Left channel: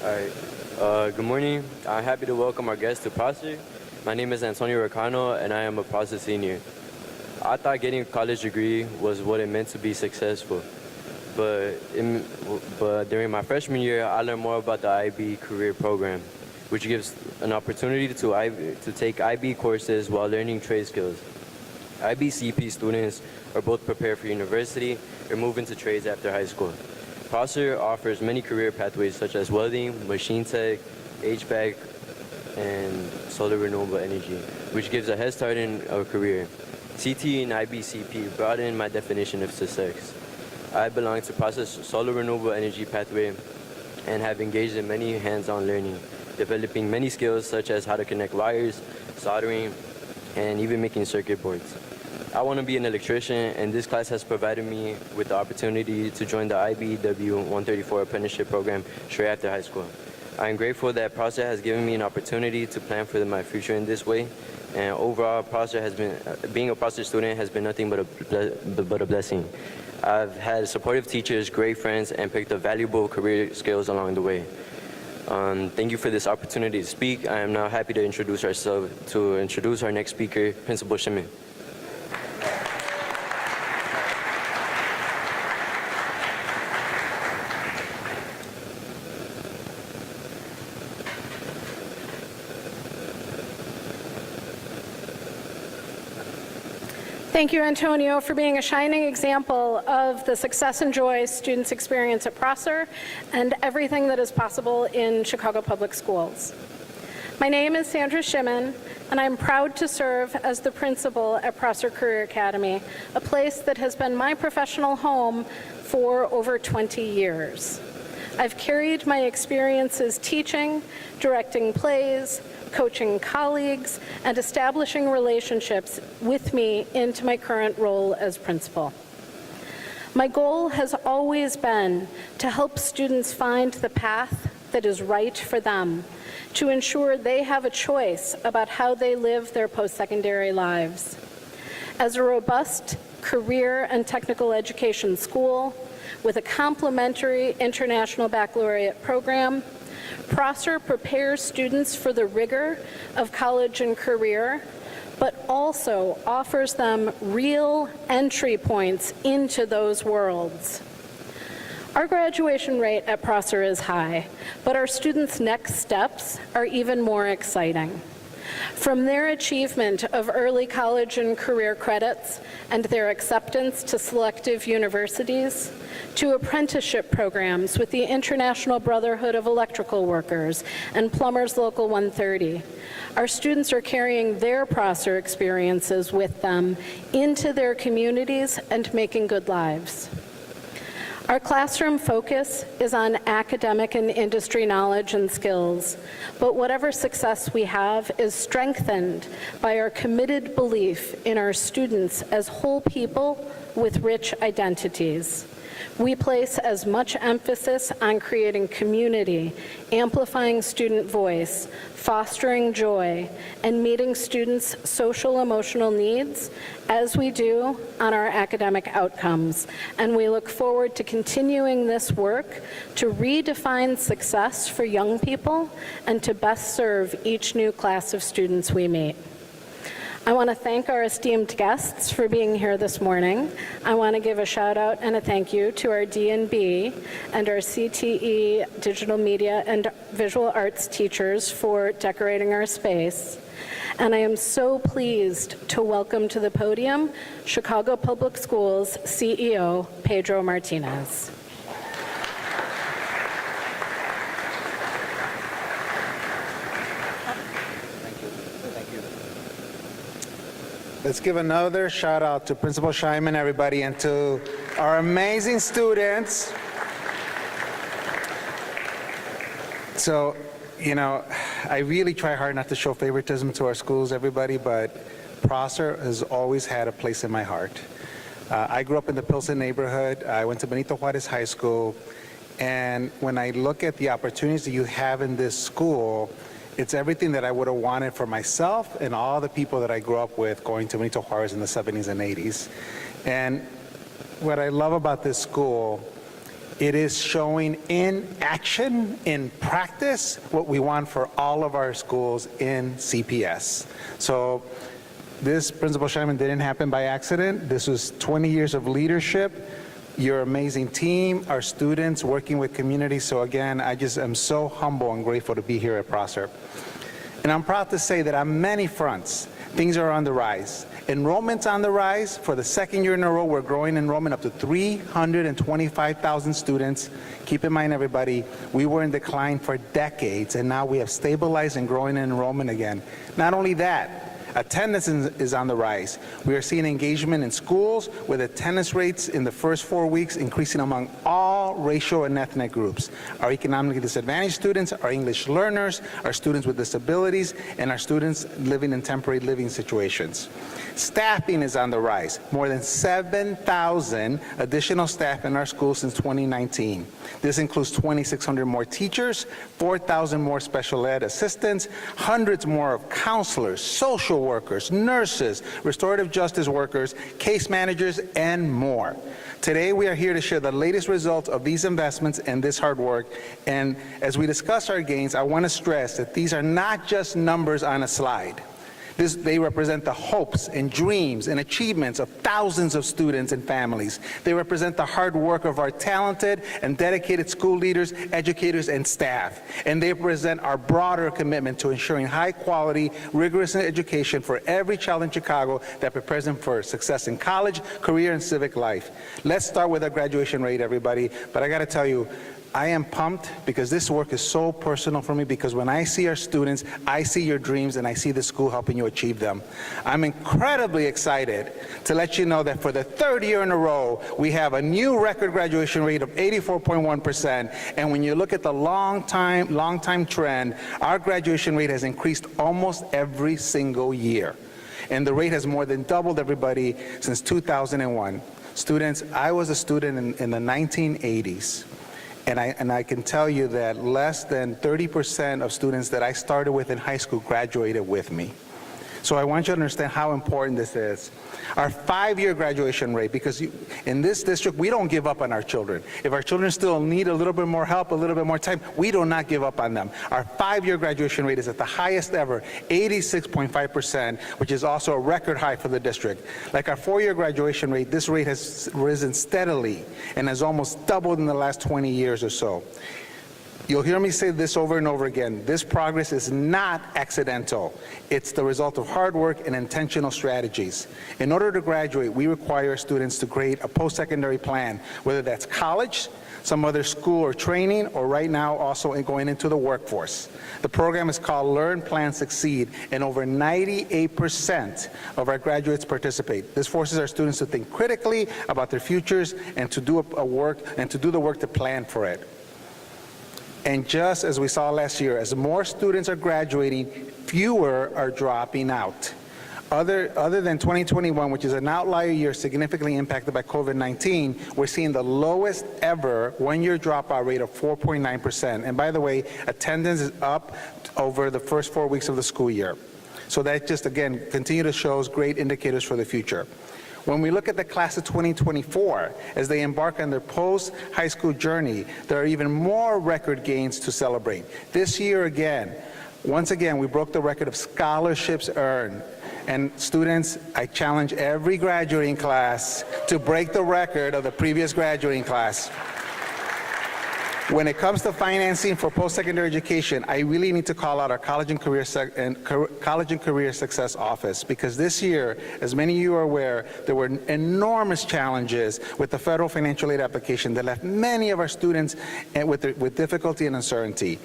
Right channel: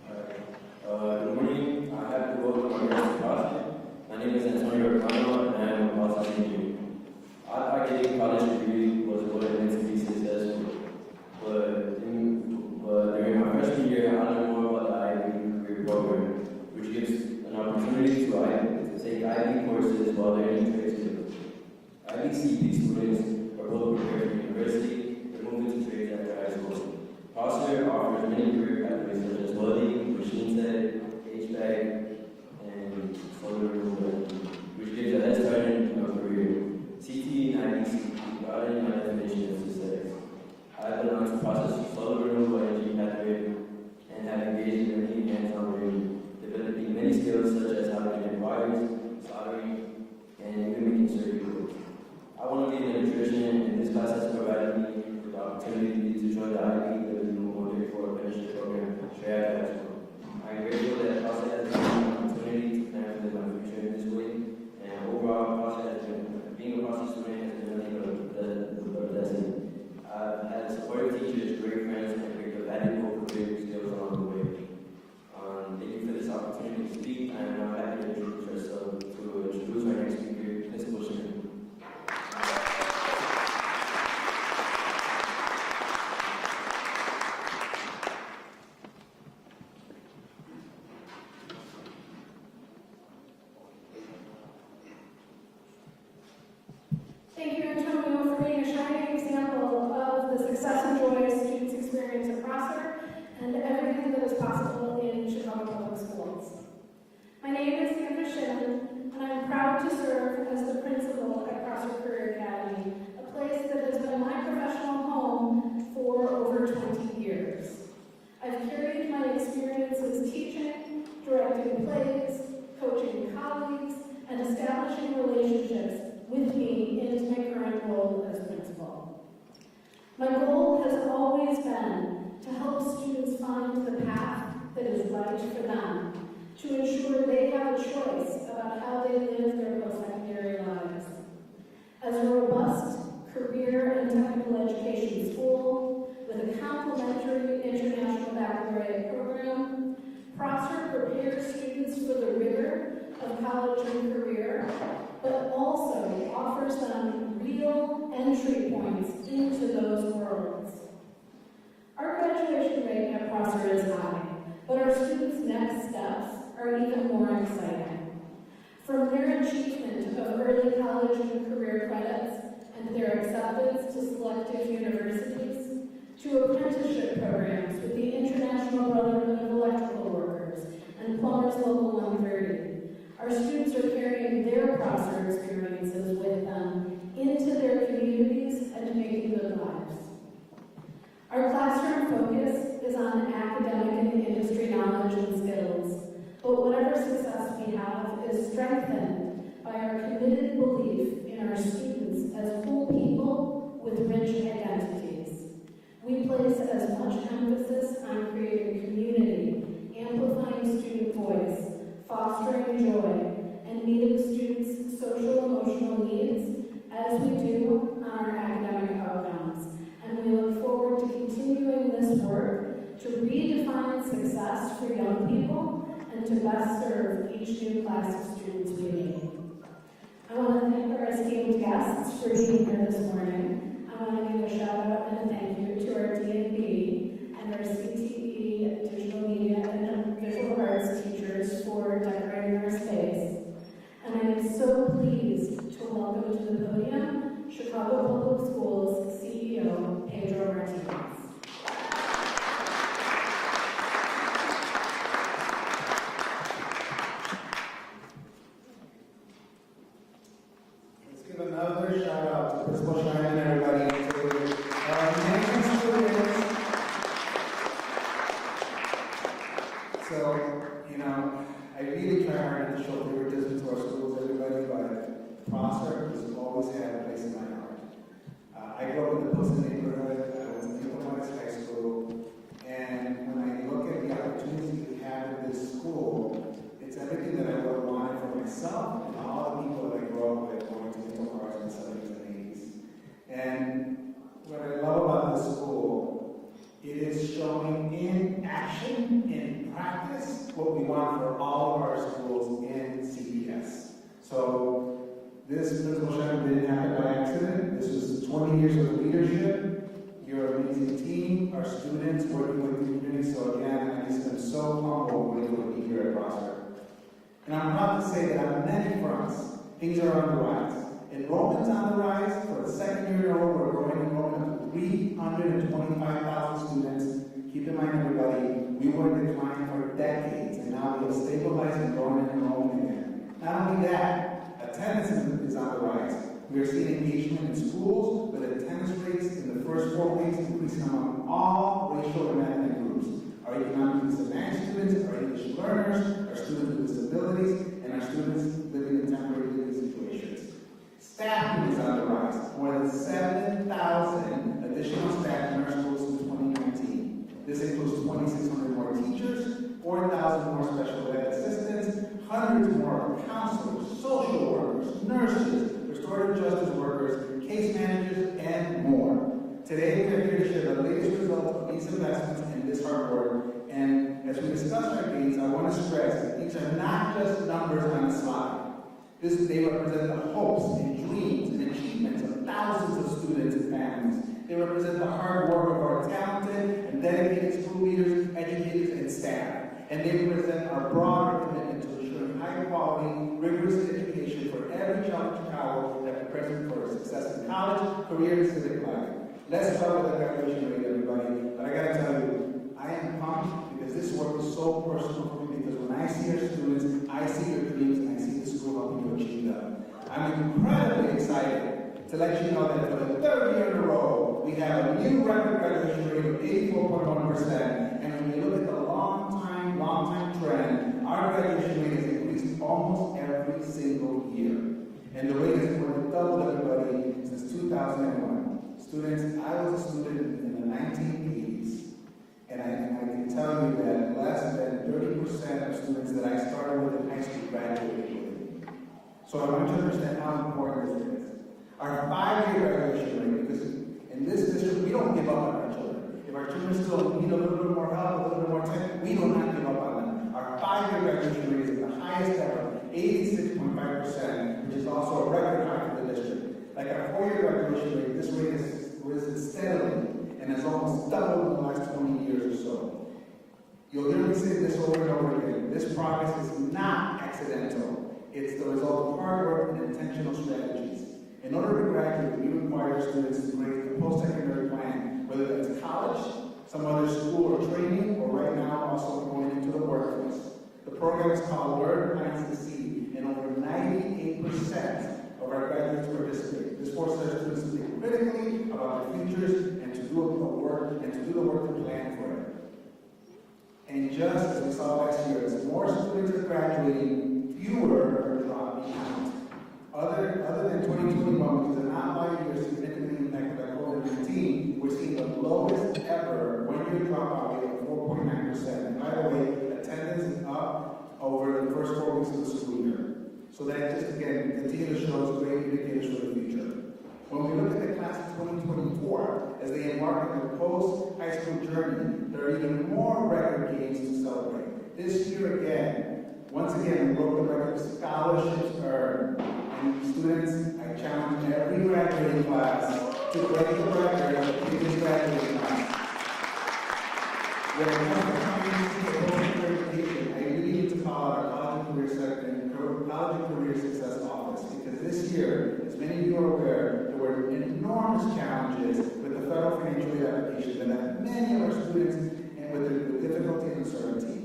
Good morning. I'm happy to welcome our guest to Prosser. My name is Antonio Ricano, and I am a Prosser senior. I thought getting a college degree was what it meant to be successful. But during my freshman year, I learned more about the IB career program, which gives an opportunity to take IB courses while learning trade skills. IB CP students are both prepared for university or move into trades after high school. Prosser offers many career pathways such as welding, machine tech, HVAC, and solar renewable energy, which gives a head start in a career. CT and IBCP broaden my definition of success. I belong to Prosser's solar renewable energy pathway and have engaged in many hands-on learning, developing many skills such as how to connect wires, soldering, and even making circuit boards. I want to be an electrician, and this class has provided me with the opportunity to join the IBEW 134 apprenticeship program straight after high school. I am grateful that Prosser has given me an opportunity to plan for my future in this way, and overall, being a Prosser student has been nothing but a blessing. I've had supportive teachers, great friends, and picked up valuable career skills along the way. Thank you for this opportunity to speak. I am now happy to introduce our next speaker, Principal Shimon. Thank you, Antonio, for being a shining example of the success and joy students experience at Prosser and everything that is possible in Chicago Public Schools. My name is Sandra Shimon, and I'm proud to serve as the principal at Prosser Career Academy, a place that has been my professional home for over 20 years. I've carried my experiences teaching, directing plays, coaching colleagues, and establishing relationships with me into my current role as principal. My goal has always been to help students find the path that is right for them, to ensure they have a choice about how they live their post-secondary lives. As a robust career and technical education school with a complementary international baccalaureate program, Prosser prepares students for the rigor of college and career, but also offers them real entry points into those worlds. Our graduation rate at Prosser is high, but our students' next steps are even more exciting. From their achievement of early college and career credits and their acceptance to selective universities, to apprenticeship programs with the International Brotherhood of Electrical Workers and Plumbers Local 130, our students are carrying their Prosser experiences with them into their communities and making good lives. Our classroom focus is on academic and industry knowledge and skills, but whatever success we have is strengthened by our committed belief in our students as whole people with rich identities. We place as much emphasis on creating community, amplifying student voice, fostering joy, and meeting students' social emotional needs as we do on our academic outcomes. And we look forward to continuing this work to redefine success for young people and to best serve each new class of students we meet. I want to thank our esteemed guests for being here this morning. I want to give a shout out and a thank you to our D&B and our CTE digital media and visual arts teachers for decorating our space. And I am so pleased to welcome to the podium Chicago Public Schools CEO Pedro Martinez. Let's give another shout out to Principal Scheinman, everybody, and to our amazing students. So, you know, I really try hard not to show favoritism to our schools, everybody, but Prosser has always had a place in my heart. I grew up in the Pilsen neighborhood. I went to Benito Juarez High School, and when I look at the opportunities that you have in this school, it's everything that I would have wanted for myself and all the people that I grew up with going to Benito Juarez in the 70s and 80s. And what I love about this school It is showing in action, in practice, what we want for all of our schools in CPS. So this, Principal Scheinman, didn't happen by accident. This was 20 years of leadership, your amazing team, our students working with community. So again, I just am so humble and grateful to be here at Prosser. And I'm proud to say that on many fronts, things are on the rise. Enrollment's on the rise. For the second year in a row, we're growing enrollment up to 325,000 students. Keep in mind, everybody, we were in decline for decades, and now we have stabilized and growing enrollment again. Not only that, attendance is on the rise. We are seeing engagement in schools with attendance rates in the first 4 weeks increasing among all racial and ethnic groups. Our economically disadvantaged students, our English learners, our students with disabilities, and our students living in temporary living situations. Staffing is on the rise. More than 7,000 additional staff in our schools since 2019. This includes 2,600 more teachers, 4,000 more special ed assistants, hundreds more counselors, social workers, nurses, restorative justice workers, case managers, and more. Today, we are here to share the latest results of these investments and this hard work. And as we discuss our gains, I want to stress that these are not just numbers on a slide. They represent the hopes and dreams and achievements of thousands of students and families. They represent the hard work of our talented and dedicated school leaders, educators, and staff. And they represent our broader commitment to ensuring high-quality, rigorous education for every child in Chicago that prepares them for success in college, career, and civic life. Let's start with our graduation rate, everybody. But I got to tell you, I am pumped because this work is so personal for me, because when I see our students, I see your dreams and I see the school helping you achieve them. I'm incredibly excited to let you know that for the third year in a row, we have a new record graduation rate of 84.1%. And when you look at the long time trend, our graduation rate has increased almost every single year. And the rate has more than doubled, everybody, since 2001. Students, I was a student in the 1980s. And I can tell you that less than 30% of students that I started with in high school graduated with me. So I want you to understand how important this is. Our 5-year graduation rate, because in this district, we don't give up on our children. If our children still need a little bit more help, a little bit more time, we do not give up on them. Our 5-year graduation rate is at the highest ever, 86.5%, which is also a record high for the district. Like our 4-year graduation rate, this rate has risen steadily and has almost doubled in the last 20 years or so. You'll hear me say this over and over again. This progress is not accidental. It's the result of hard work and intentional strategies. In order to graduate, we require students to create a post-secondary plan, whether that's college, some other school or training, or right now also going into the workforce. The program is called Learn, Plan, Succeed, and over 98% of our graduates participate. This forces our students to think critically about their futures and to do the work to plan for it. And just as we saw last year, as more students are graduating, fewer are dropping out. Other than 2021, which is an outlier year significantly impacted by COVID-19, we're seeing the lowest ever one-year dropout rate of 4.9%. And by the way, attendance is up over the first 4 weeks of the school year. So that just, again, continue to show us great indicators for the future. When we look at the class of 2024, as they embark on their post-high school journey, there are even more record gains to celebrate. This year again, once again, we broke the record of scholarships earned. And students, I challenge every graduating class to break the record of the previous graduating class. When it comes to financing for post-secondary education, I really need to call out our College and Career Success Office, because this year, as many of you are aware, there were enormous challenges with the federal financial aid application that left many of our students with difficulty and uncertainty.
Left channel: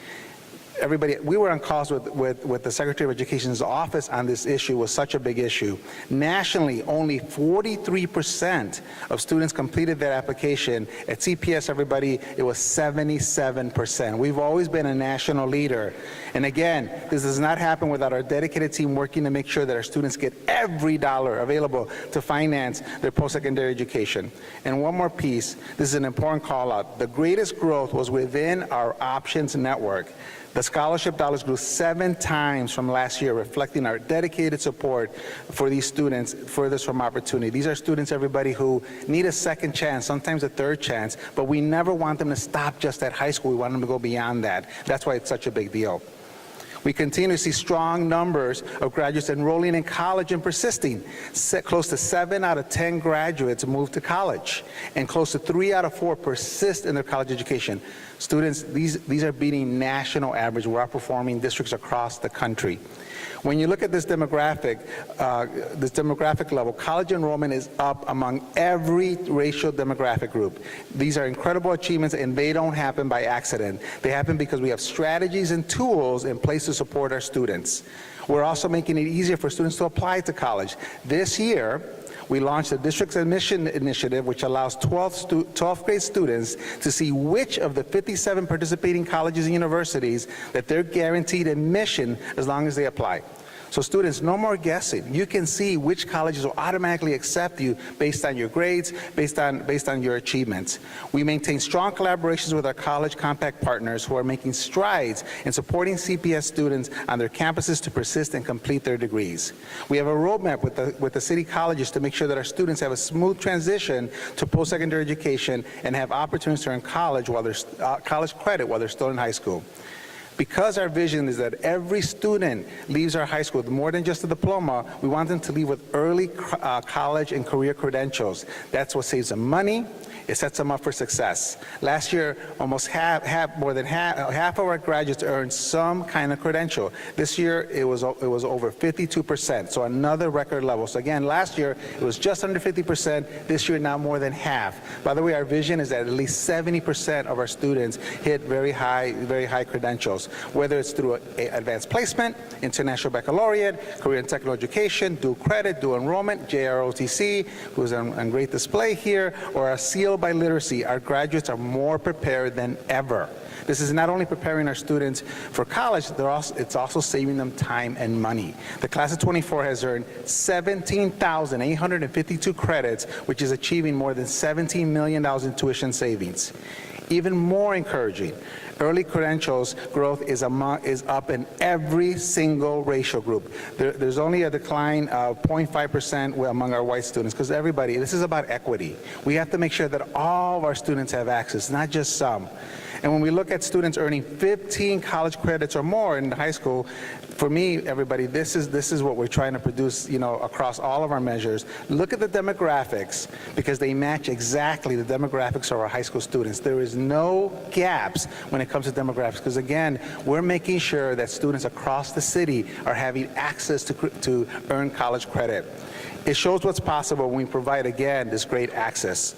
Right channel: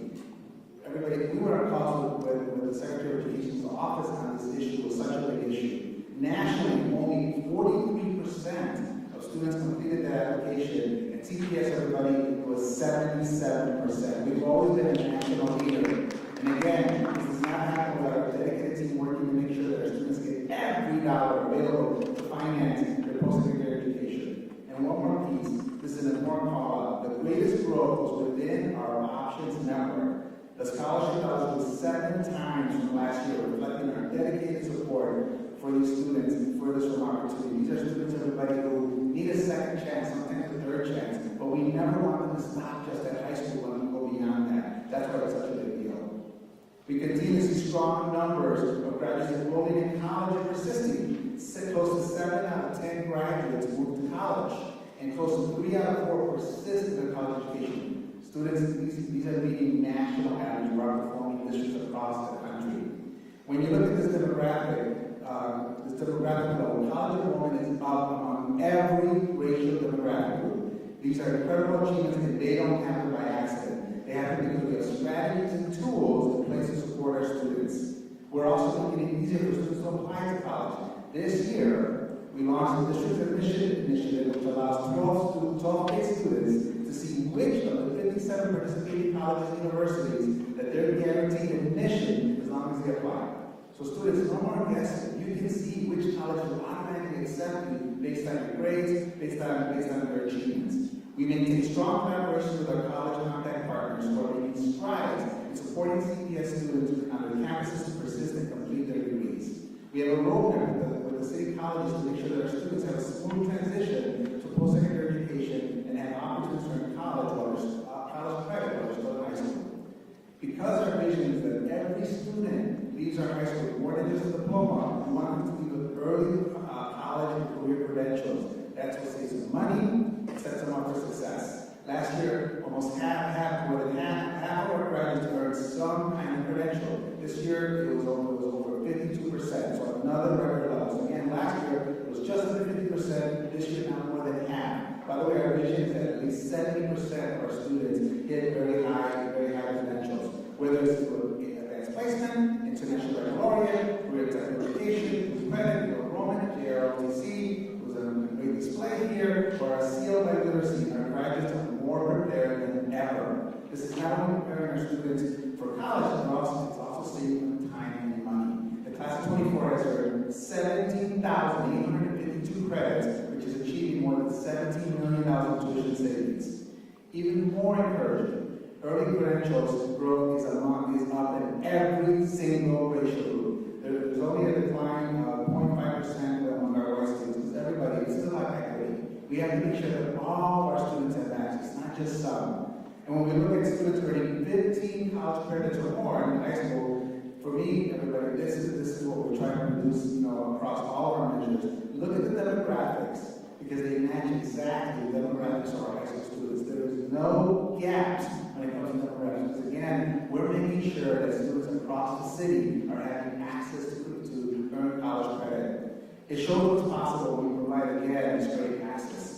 Everybody, we were on calls with the Secretary of Education's office on this issue. It was such a big issue. Nationally, only 43% of students completed that application. At CPS, everybody, it was 77%. We've always been a national leader. And again, this does not happen without our dedicated team working to make sure that our students get every dollar available to finance their post-secondary education. And one more piece, this is an important call out. The greatest growth was within our options network. The scholarship dollars grew 7 times from last year, reflecting our dedicated support for these students furthest from opportunity. These are students, everybody, who need a second chance, sometimes a third chance, but we never want them to stop just at high school. We want them to go beyond that. That's why it's such a big deal. We continue to see strong numbers of graduates enrolling in college and persisting. Close to 7 out of 10 graduates move to college, and close to 3 out of 4 persist in their college education. Students, these are beating national average. We're outperforming districts across the country. When you look at this demographic level, college enrollment is up among every racial demographic group. These are incredible achievements, and they don't happen by accident. They happen because we have strategies and tools in place to support our students. We're also making it easier for students to apply to college. This year, we launched a district admission initiative which allows 12th grade students to see which of the 57 participating colleges and universities that they're guaranteed admission as long as they apply. So students, no more guessing. You can see which colleges will automatically accept you based on your grades, based on your achievements. We maintain strong collaborations with our college compact partners who are making strides in supporting CPS students on their campuses to persist and complete their degrees. We have a roadmap with the city colleges to make sure that our students have a smooth transition to post-secondary education and have opportunities to earn college credit while they're still in high school. Because our vision is that every student leaves our high school with more than just a diploma, we want them to leave with early college and career credentials. That's what saves them money. It sets them up for success. Last year, almost more than half of our graduates earned some kind of credential. This year, it was over 52%, so another record level. So again, last year, it was just under 50%. This year, now more than half. By the way, our vision is that at least 70% of our students hit very high credentials, whether it's through advanced placement, international baccalaureate, career and technical education, dual credit, dual enrollment, JROTC, who's on great display here, or a seal by literacy. Our graduates are more prepared than ever. This is not only preparing our students for college, it's also saving them time and money. The class of 24 has earned 17,852 credits, which is achieving more than $17 million in tuition savings. Even more encouraging, early credentials growth is up in every single racial group. There's only a decline of 0.5% among our white students, because everybody, this is about equity. We have to make sure that all of our students have access, not just some. And when we look at students earning 15 college credits or more in high school, for me, everybody, this is what we're trying to produce, across all of our measures. Look at the demographics, because they match exactly the demographics of our high school students. There is no gaps when it comes to demographics, because again, we're making sure that students across the city are having access to earn college credit. It shows what's possible when we provide, again, this great access.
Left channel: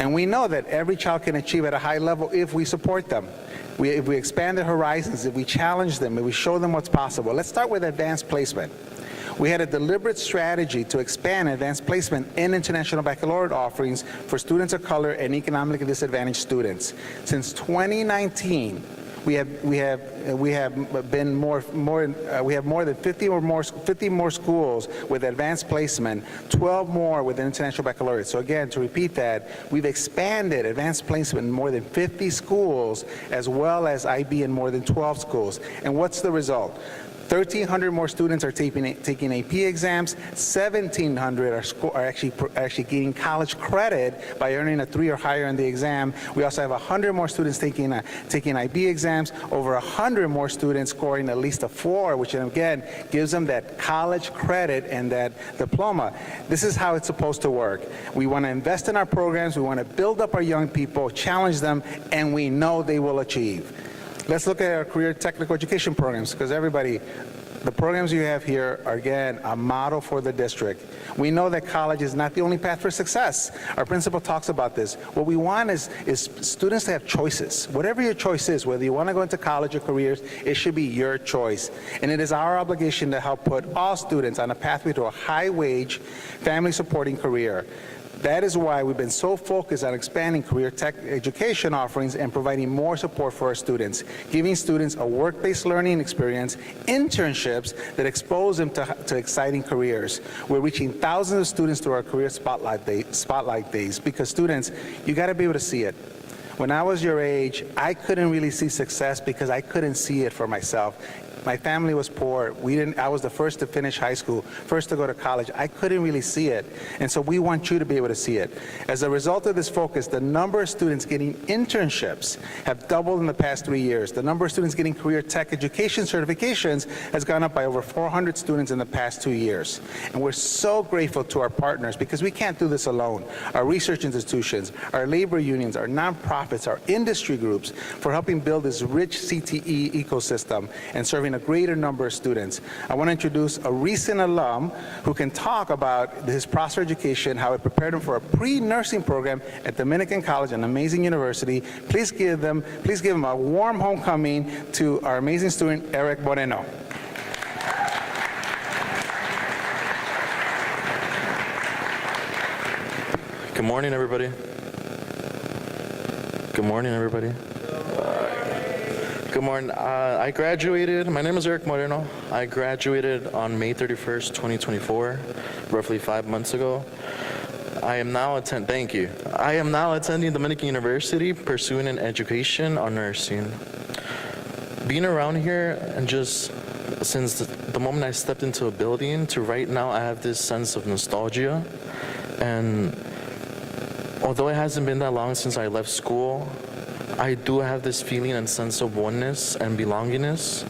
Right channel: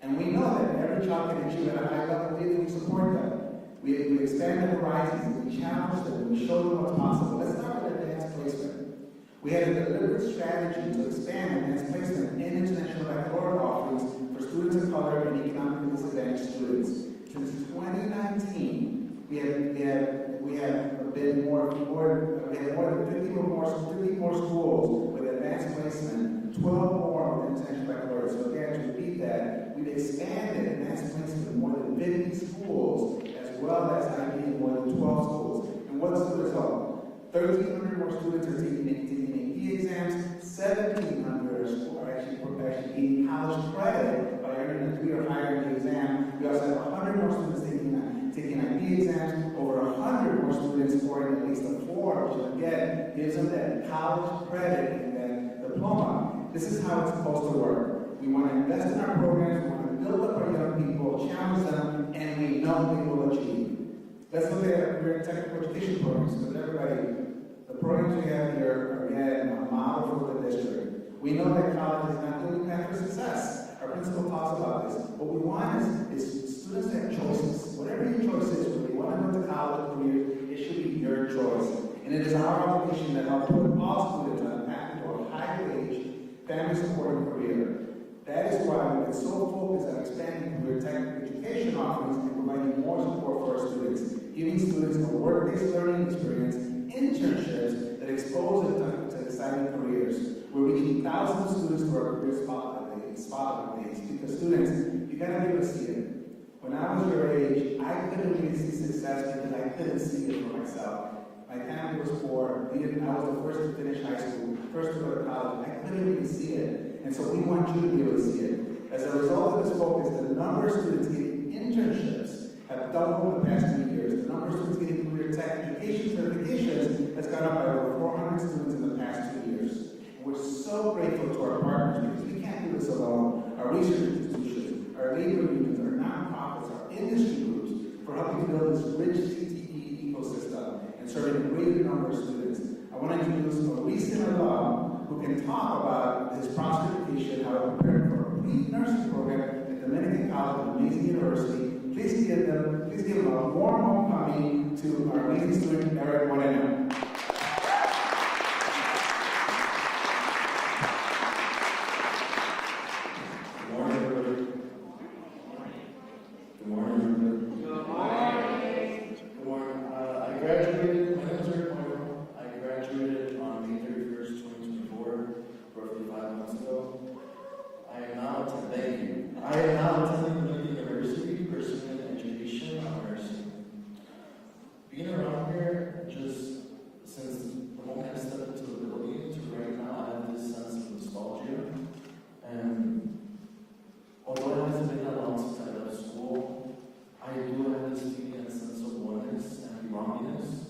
And we know that every child can achieve at a high level if we support them. If we expand their horizons, if we challenge them, if we show them what's possible. Let's start with advanced placement. We had a deliberate strategy to expand advanced placement in international baccalaureate offerings for students of color and economically disadvantaged students. Since 2019, we have more than 50 more schools with advanced placement, 12 more with international baccalaureate. So again, to repeat that, we've expanded advanced placement in more than 50 schools, as well as IB in more than 12 schools. And what's the result? 1,300 more students are taking AP exams. 1,700 are actually gaining college credit by earning a 3 or higher in the exam. We also have 100 more students taking IB exams. Over 100 more students scoring at least a 4, which again gives them that college credit and that diploma. This is how it's supposed to work. We want to invest in our programs. We want to build up our young people, challenge them, and we know they will achieve. Let's look at our career technical education programs, because everybody, the programs you have here are, again, a model for the district. We know that college is not the only path for success. Our principal talks about this. What we want is students to have choices. Whatever your choice is, whether you want to go into college or careers, it should be your choice. And it is our obligation to help put all students on a pathway to a high-wage, family-supporting career. That is why we've been so focused on expanding career tech education offerings and providing more support for our students, giving students a work-based learning experience, internships that expose them to exciting careers. We're reaching thousands of students through our career spotlight days, because students, you got to be able to see it. When I was your age, I couldn't really see success because I couldn't see it for myself. My family was poor. I was the first to finish high school, first to go to college. I couldn't really see it. And so we want you to be able to see it. As a result of this focus, the number of students getting internships have doubled in the past 3 years. The number of students getting career tech education certifications has gone up by over 400 students in the past 2 years. And we're so grateful to our partners because we can't do this alone. Our research institutions, our labor unions, our nonprofits, our industry groups for helping build this rich CTE ecosystem and serving a greater number of students. I want to introduce a recent alum who can talk about his Prosper education, how it prepared him for a pre-nursing program at Dominican College, an amazing university. Please give him a warm homecoming to our amazing student, Eric Moreno. Good morning, everybody. Good morning, everybody. Good morning. I graduated, my name is Eric Moreno. I graduated on May 31st, 2024, roughly 5 months ago. I am now attending Dominican University, pursuing an education on nursing. Being around here, and just since the moment I stepped into a building to right now, I have this sense of nostalgia. And although it hasn't been that long since I left school, I do have this feeling and sense of oneness and belongingness,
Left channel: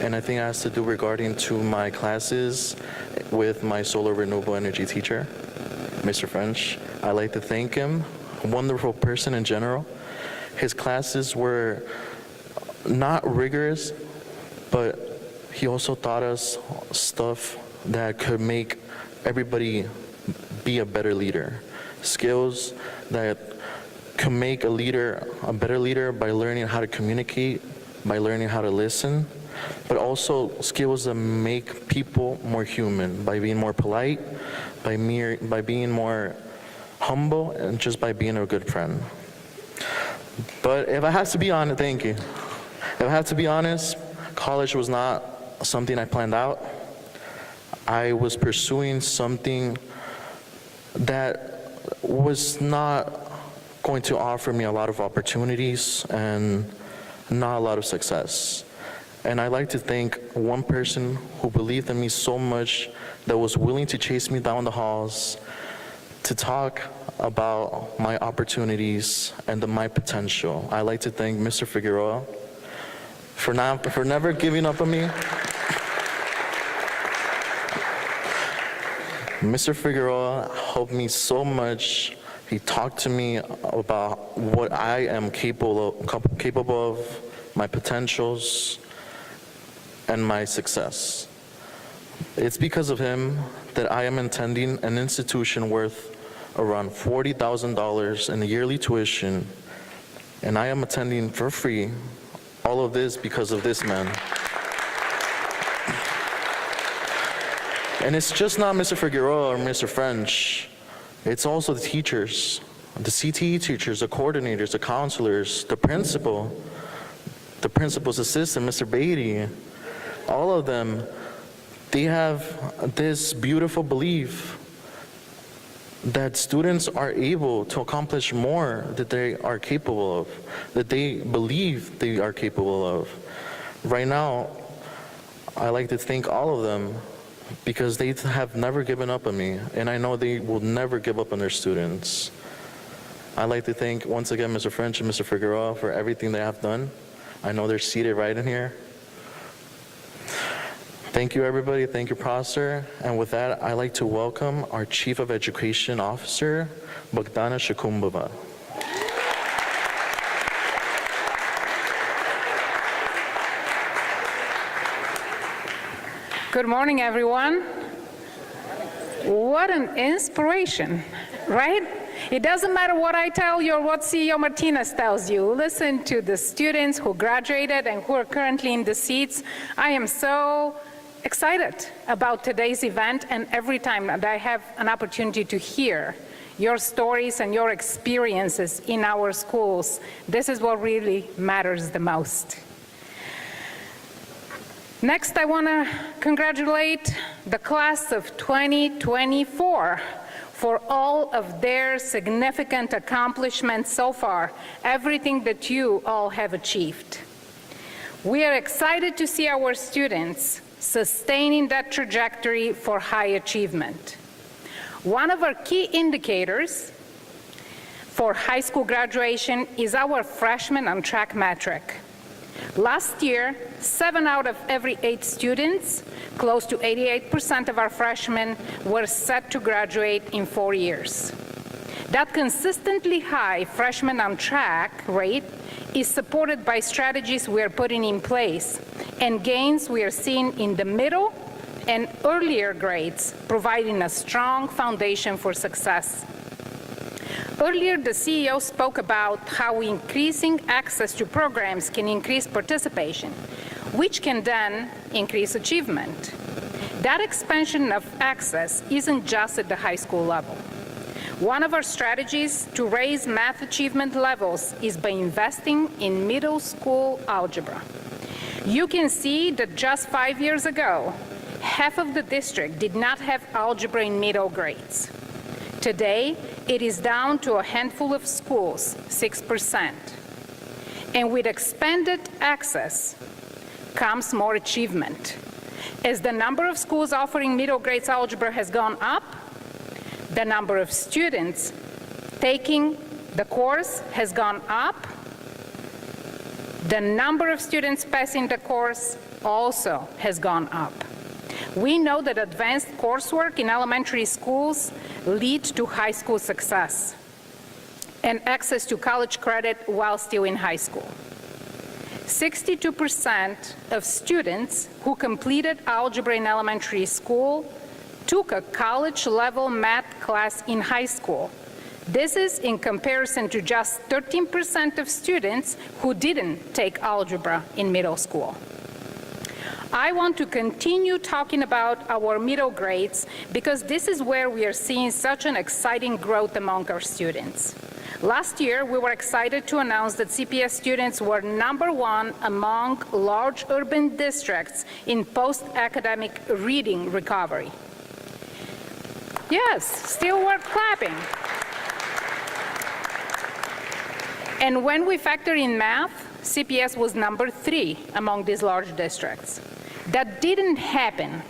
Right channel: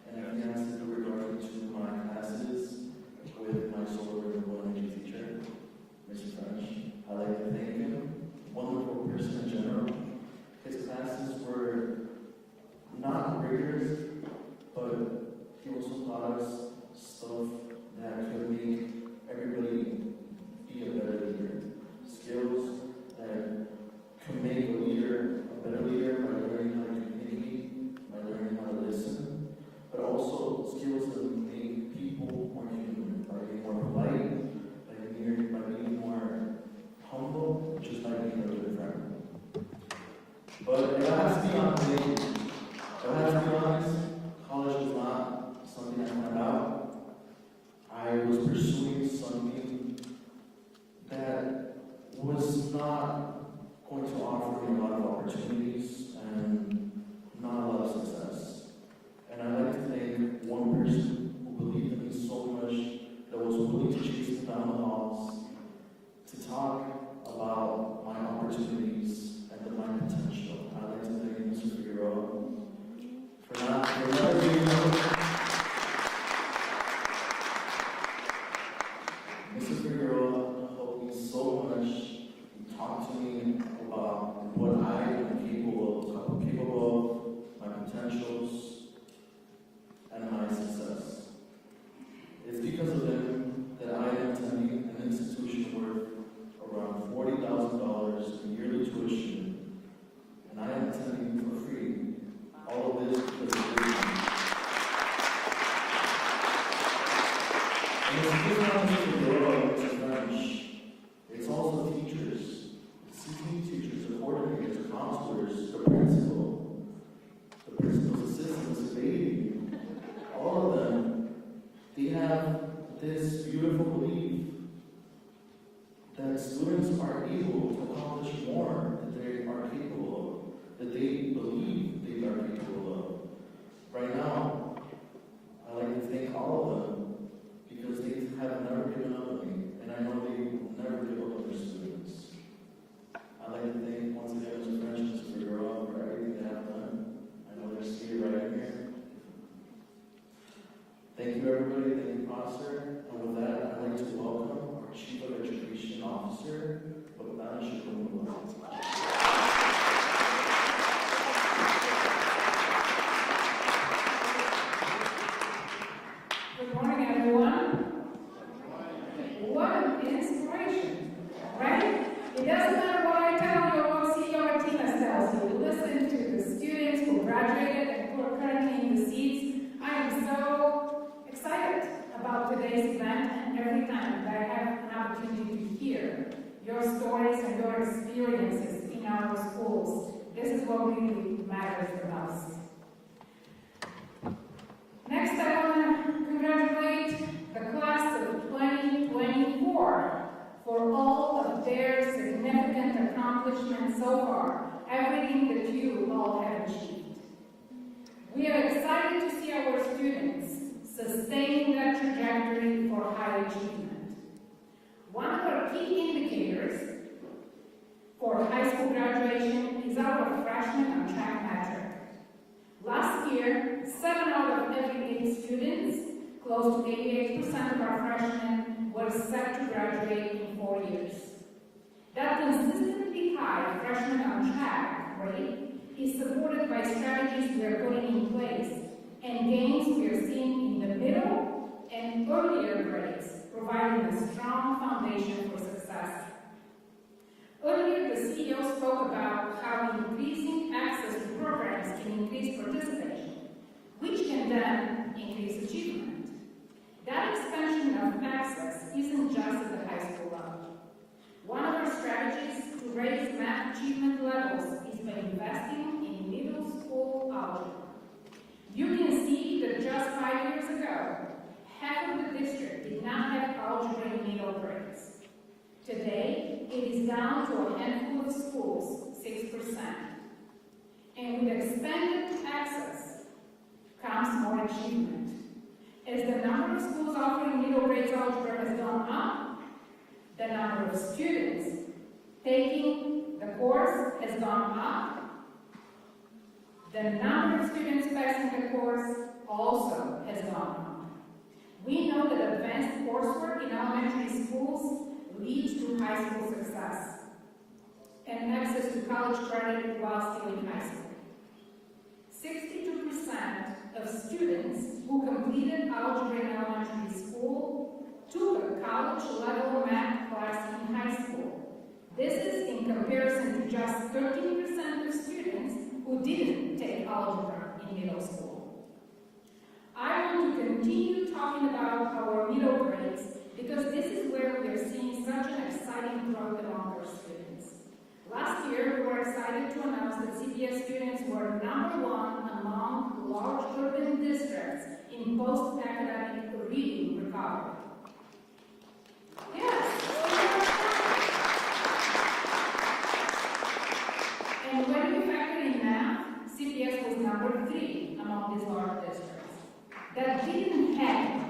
and I think it has to do regarding to my classes with my solar renewable energy teacher, Mr. French. I like to thank him, a wonderful person in general. His classes were not rigorous, but he also taught us stuff that could make everybody be a better leader. Skills that can make a better leader by learning how to communicate, by learning how to listen, but also skills that make people more human, by being more polite, by being more humble, and just by being a good friend. But if I have to be honest, thank you. If I have to be honest, college was not something I planned out. I was pursuing something that was not going to offer me a lot of opportunities and not a lot of success. And I'd like to thank one person who believed in me so much that was willing to chase me down the halls to talk about my opportunities and my potential. I'd like to thank Mr. Figueroa for never giving up on me. Mr. Figueroa helped me so much. He talked to me about what I am capable of, my potentials, and my success. It's because of him that I am attending an institution worth around $40,000 in yearly tuition, and I am attending for free. All of this because of this man. And it's just not Mr. Figueroa or Mr. French. It's also the teachers, the CTE teachers, the coordinators, the counselors, the principal's assistant, Mr. Beatty. All of them, they have this beautiful belief that students are able to accomplish more that they are capable of, that they believe they are capable of. Right now, I like to thank all of them because they have never given up on me, and I know they will never give up on their students. I'd like to thank, once again, Mr. French and Mr. Figueroa for everything they have done. I know they're seated right in here. Thank you, everybody. Thank you, Prosper. And with that, I'd like to welcome our Chief of Education Officer, Bogdana Shakumbova. Good morning, everyone. What an inspiration, right? It doesn't matter what I tell you or what CEO Martinez tells you. Listen to the students who graduated and who are currently in the seats. I am so excited about today's event, and every time that I have an opportunity to hear your stories and your experiences in our schools, this is what really matters the most. Next, I want to congratulate the class of 2024 for all of their significant accomplishments so far, everything that you all have achieved. We are excited to see our students sustaining that trajectory for high achievement. One of our key indicators for high school graduation is our freshman on track metric. Last year, 7 out of every 8 students, close to 88% of our freshmen, were set to graduate in 4 years. That consistently high freshman on track rate is supported by strategies we are putting in place and gains we are seeing in the middle and earlier grades, providing a strong foundation for success. Earlier, the CEO spoke about how increasing access to programs can increase participation, which can then increase achievement. That expansion of access isn't just at the high school level. One of our strategies to raise math achievement levels is by investing in middle school algebra. You can see that just 5 years ago, half of the district did not have algebra in middle grades. Today, it is down to a handful of schools, 6%. And with expanded access comes more achievement. As the number of schools offering middle grades algebra has gone up, the number of students taking the course has gone up. The number of students passing the course also has gone up. We know that advanced coursework in elementary schools leads to high school success and access to college credit while still in high school. 62% of students who completed algebra in elementary school took a college-level math class in high school. This is in comparison to just 13% of students who didn't take algebra in middle school. I want to continue talking about our middle grades because this is where we are seeing such an exciting growth among our students. Last year, we were excited to announce that CPS students were #1 among large urban districts in post-academic reading recovery. Yes, still we're clapping. And when we factor in math, CPS was #3 among these large districts. That didn't happen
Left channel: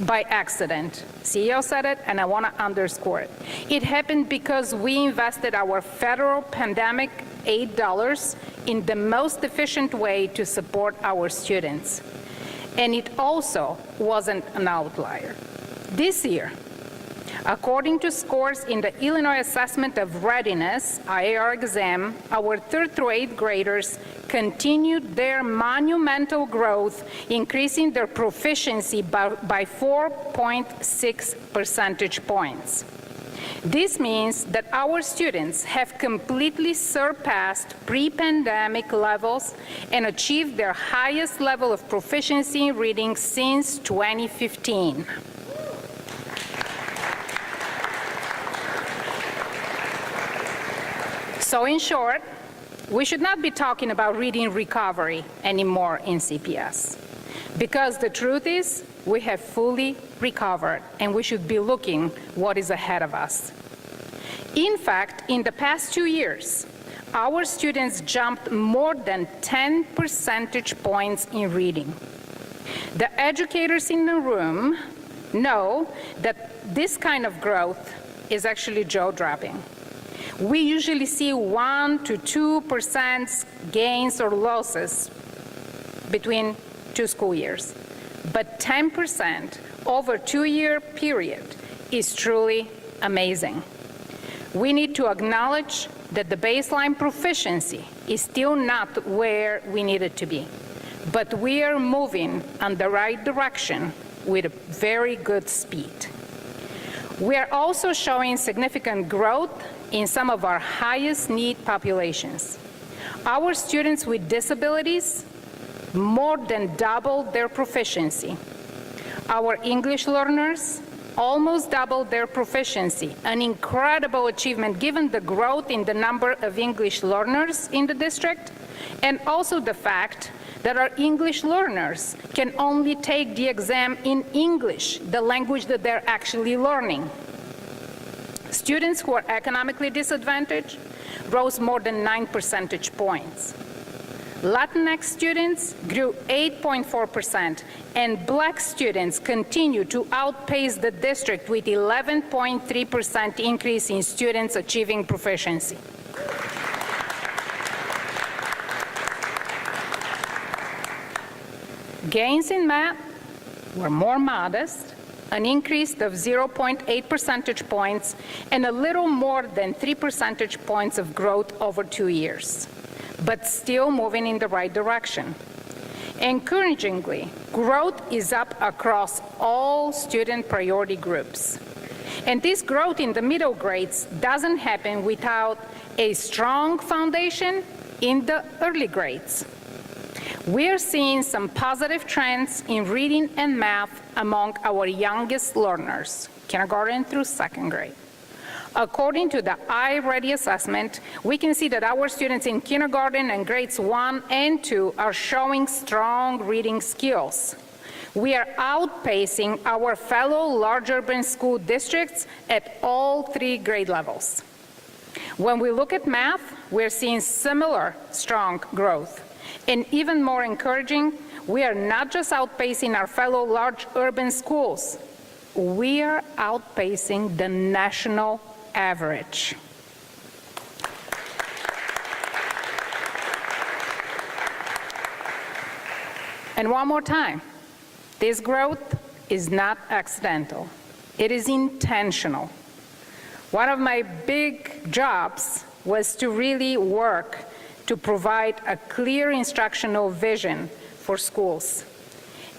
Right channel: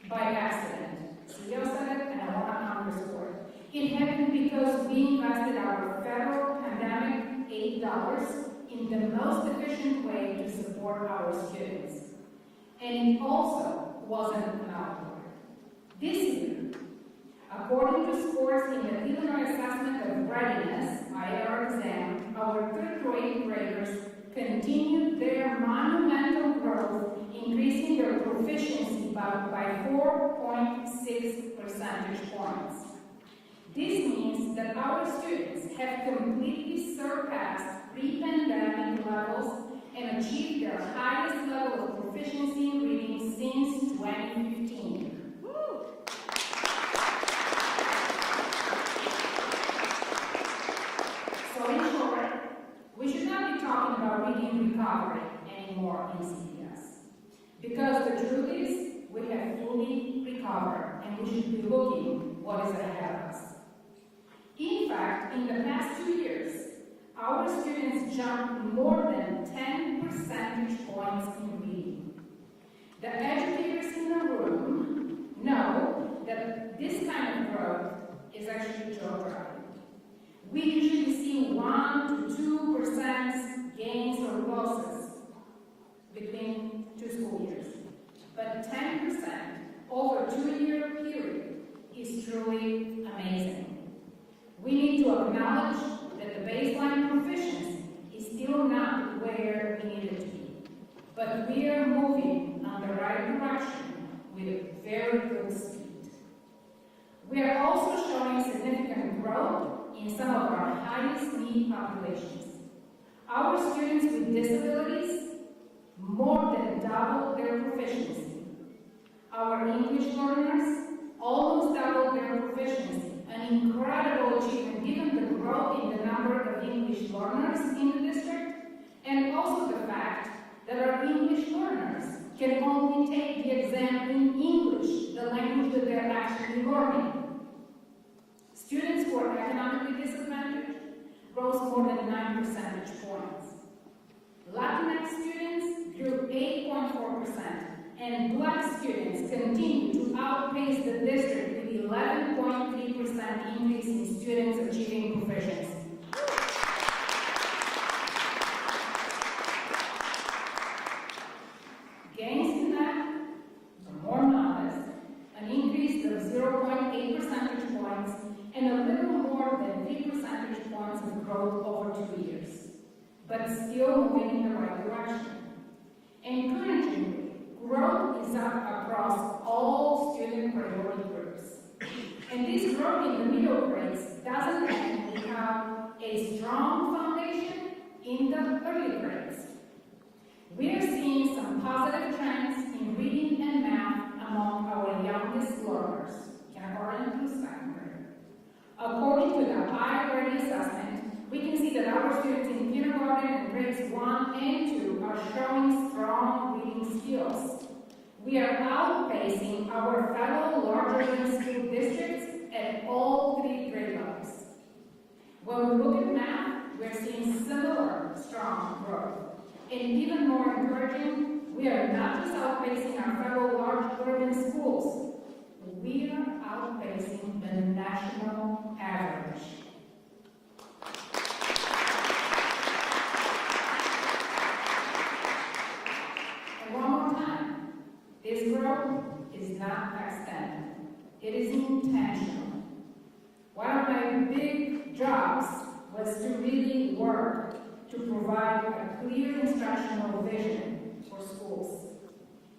by accident. CEO said it, and I want to underscore it. It happened because we invested our federal pandemic aid dollars in the most efficient way to support our students. And it also wasn't an outlier. This year, according to scores in the Illinois Assessment of Readiness, IAR exam, our 3rd through 8th graders continued their monumental growth, increasing their proficiency by 4.6 percentage points. This means that our students have completely surpassed pre-pandemic levels and achieved their highest level of proficiency in reading since 2015. So in short, we should not be talking about reading recovery anymore in CPS, because the truth is we have fully recovered and we should be looking what is ahead of us. In fact, in the past 2 years, our students jumped more than 10 percentage points in reading. The educators in the room know that this kind of growth is actually jaw-dropping. We usually see 1 to 2% gains or losses between 2 school years. But 10% over a 2-year period is truly amazing. We need to acknowledge that the baseline proficiency is still not where we need it to be. But we are moving in the right direction with very good speed. We are also showing significant growth in some of our highest need populations. Our students with disabilities more than doubled their proficiency. Our English learners almost doubled their proficiency, an incredible achievement given the growth in the number of English learners in the district, and also the fact that our English learners can only take the exam in English, the language that they're actually learning. Students who are economically disadvantaged rose more than 9 percentage points. Latinx students grew 8.4%, and Black students continue to outpace the district with 11.3% increase in students achieving proficiency. Gains in math were more modest, an increase of 0.8 percentage points, and a little more than 3 percentage points of growth over 2 years, but still moving in the right direction. Encouragingly, growth is up across all student priority groups. And this growth in the middle grades doesn't happen without a strong foundation in the early grades. We're seeing some positive trends in reading and math among our youngest learners, kindergarten through second grade. According to the iReady assessment, we can see that our students in kindergarten and grades 1 and 2 are showing strong reading skills. We are outpacing our fellow large urban school districts at all 3 grade levels. When we look at math, we're seeing similar strong growth. And even more encouraging, we are not just outpacing our fellow large urban schools, we are outpacing the national average. And one more time, this growth is not accidental. It is intentional. One of my big jobs was to really work to provide a clear instructional vision for schools.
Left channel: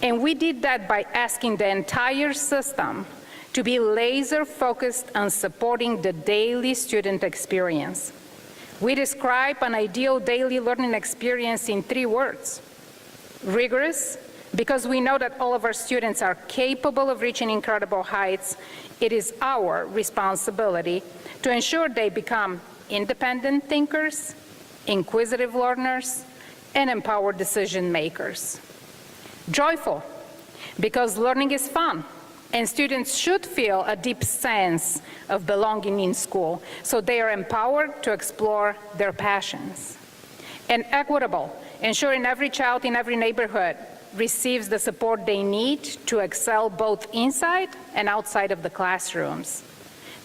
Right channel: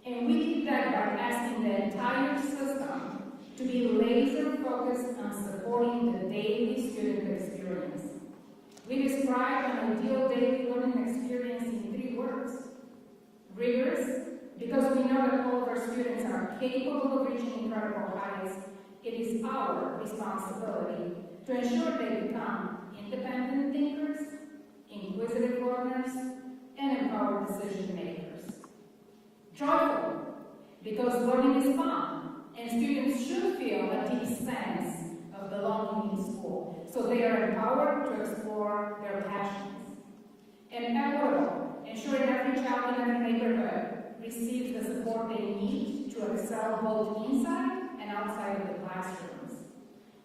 And we did that by asking the entire system to be laser focused on supporting the daily student experience. We describe an ideal daily learning experience in 3 words. Rigorous, because we know that all of our students are capable of reaching incredible heights. It is our responsibility to ensure they become independent thinkers, inquisitive learners, and empowered decision makers. Joyful, because learning is fun, and students should feel a deep sense of belonging in school, so they are empowered to explore their passions. And equitable, ensuring every child in every neighborhood receives the support they need to excel both inside and outside of the classrooms.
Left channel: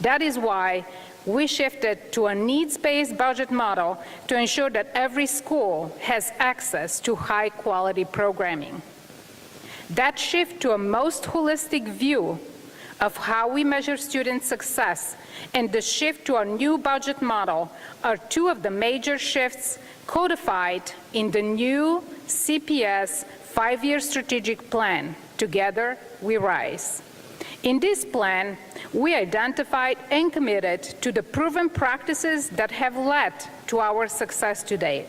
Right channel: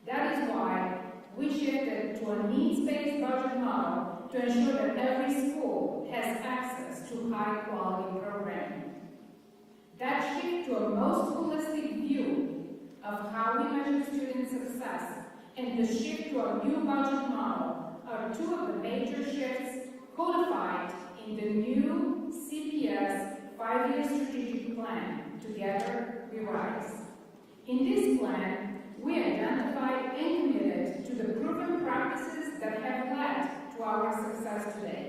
That is why we shifted to a needs-based budget model to ensure that every school has access to high-quality programming. That shift to a most holistic view of how we measure student success and the shift to a new budget model are 2 of the major shifts codified in the new CPS 5-year strategic plan, Together We Rise. In this plan, we identified and committed to the proven practices that have led to our success today,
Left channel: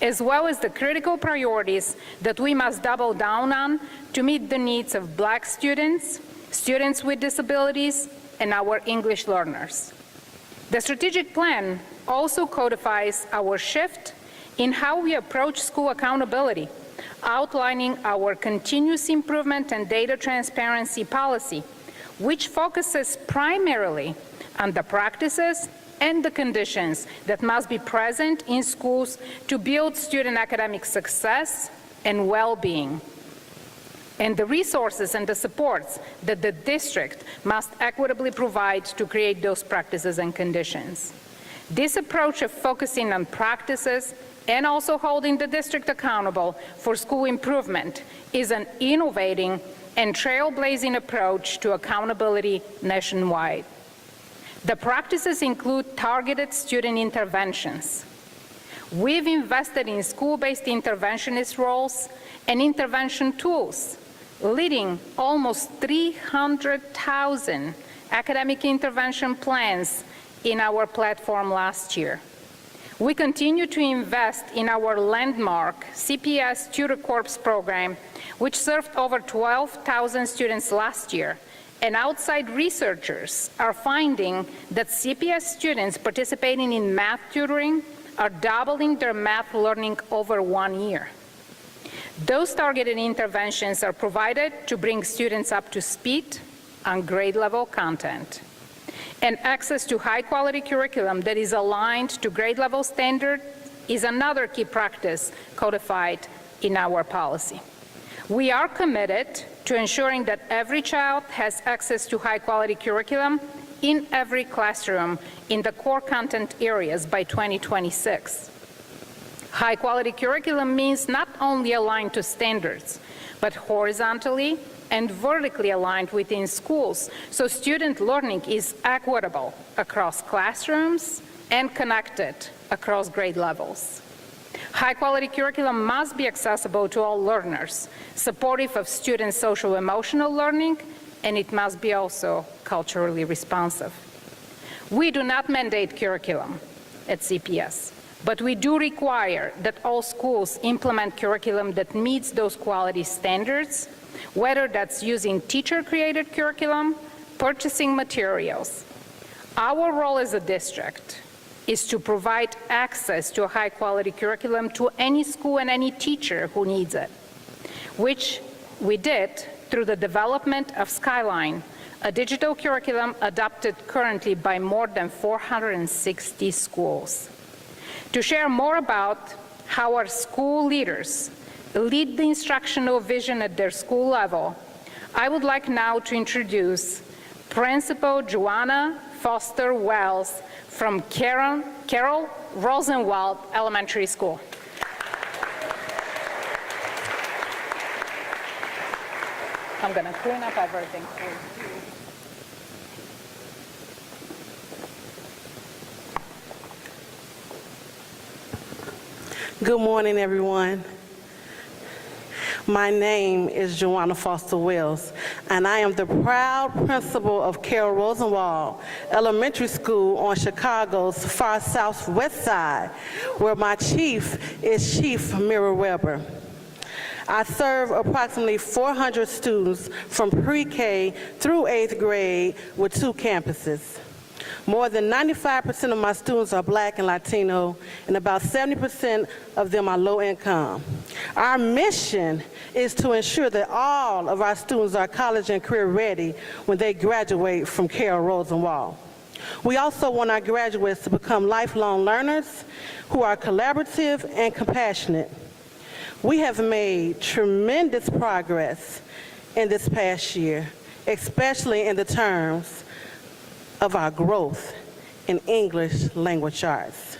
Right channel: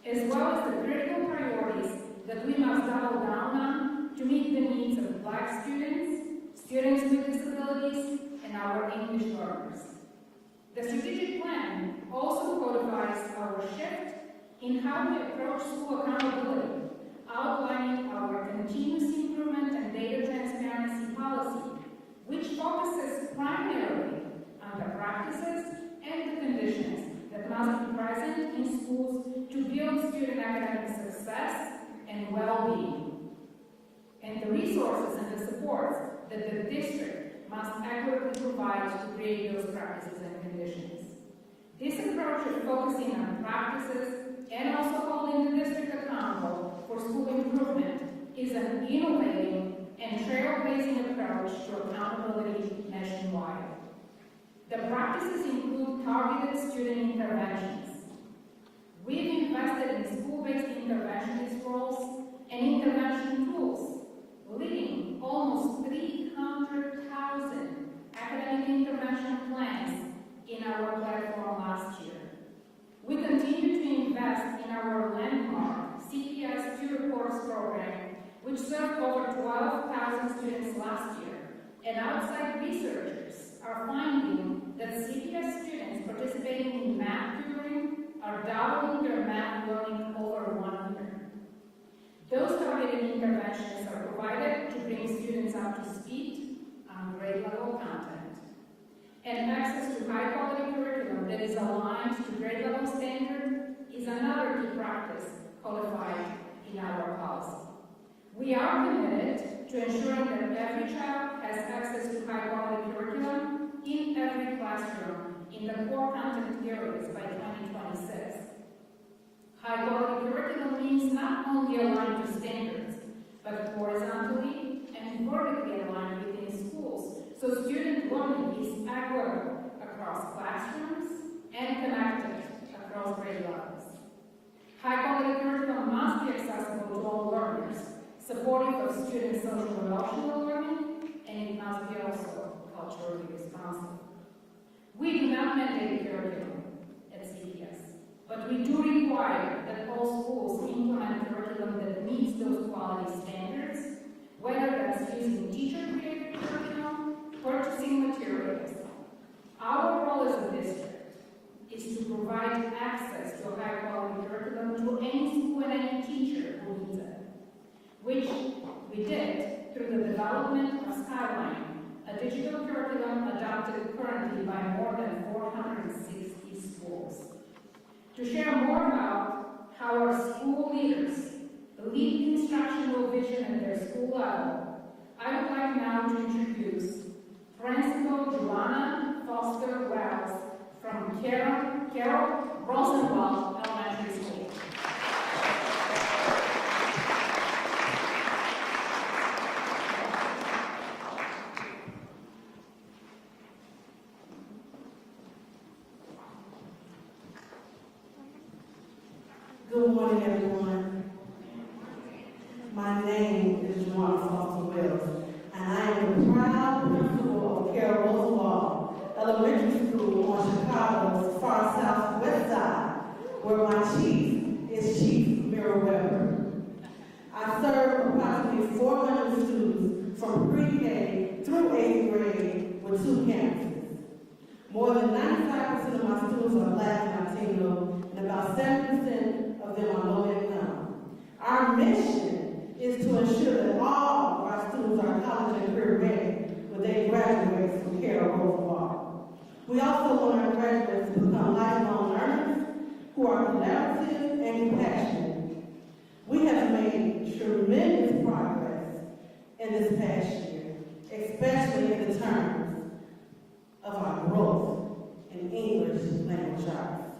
as well as the critical priorities that we must double down on to meet the needs of Black students, students with disabilities, and our English learners. The strategic plan also codifies our shift in how we approach school accountability, outlining our continuous improvement and data transparency policy, which focuses primarily on the practices and the conditions that must be present in schools to build student academic success and well-being, and the resources and the supports that the district must equitably provide to create those practices and conditions. This approach of focusing on practices and also holding the district accountable for school improvement is an innovating and trailblazing approach to accountability nationwide. The practices include targeted student interventions. We've invested in school-based interventionist roles and intervention tools, leading almost 300,000 academic intervention plans in our platform last year. We continue to invest in our landmark CPS Tutor Corps program, which served over 12,000 students last year. And outside researchers are finding that CPS students participating in math tutoring are doubling their math learning over 1 year. Those targeted interventions are provided to bring students up to speed on grade level content. And access to high-quality curriculum that is aligned to grade level standard is another key practice codified in our policy. We are committed to ensuring that every child has access to high-quality curriculum in every classroom in the core content areas by 2026. High-quality curriculum means not only aligned to standards, but horizontally and vertically aligned within schools, so student learning is equitable across classrooms and connected across grade levels. High-quality curriculum must be accessible to all learners, supportive of students' social-emotional learning, and it must be also culturally responsive. We do not mandate curriculum at CPS, but we do require that all schools implement curriculum that meets those quality standards, whether that's using teacher-created curriculum, purchasing materials. Our role as a district is to provide access to a high-quality curriculum to any school and any teacher who needs it, which we did through the development of Skyline, a digital curriculum adopted currently by more than 460 schools. To share more about how our school leaders lead the instructional vision at their school level, I would like now to introduce Principal Joanna Foster Wells from Carol Rosenwald Elementary School. I'm going to clean up everything. Good morning, everyone. My name is Joanna Foster Wells, and I am the proud principal of Carol Rosenwald Elementary School on Chicago's far southwest side, where my chief is Chief Mira Weber. I serve approximately 400 students from pre-K through 8th grade with 2 campuses. More than 95% of my students are Black and Latino, and about 70% of them are low income. Our mission is to ensure that all of our students are college and career ready when they graduate from Carol Rosenwald. We also want our graduates to become lifelong learners who are collaborative and compassionate. We have made tremendous progress in this past year, especially in the terms of our growth in English language arts.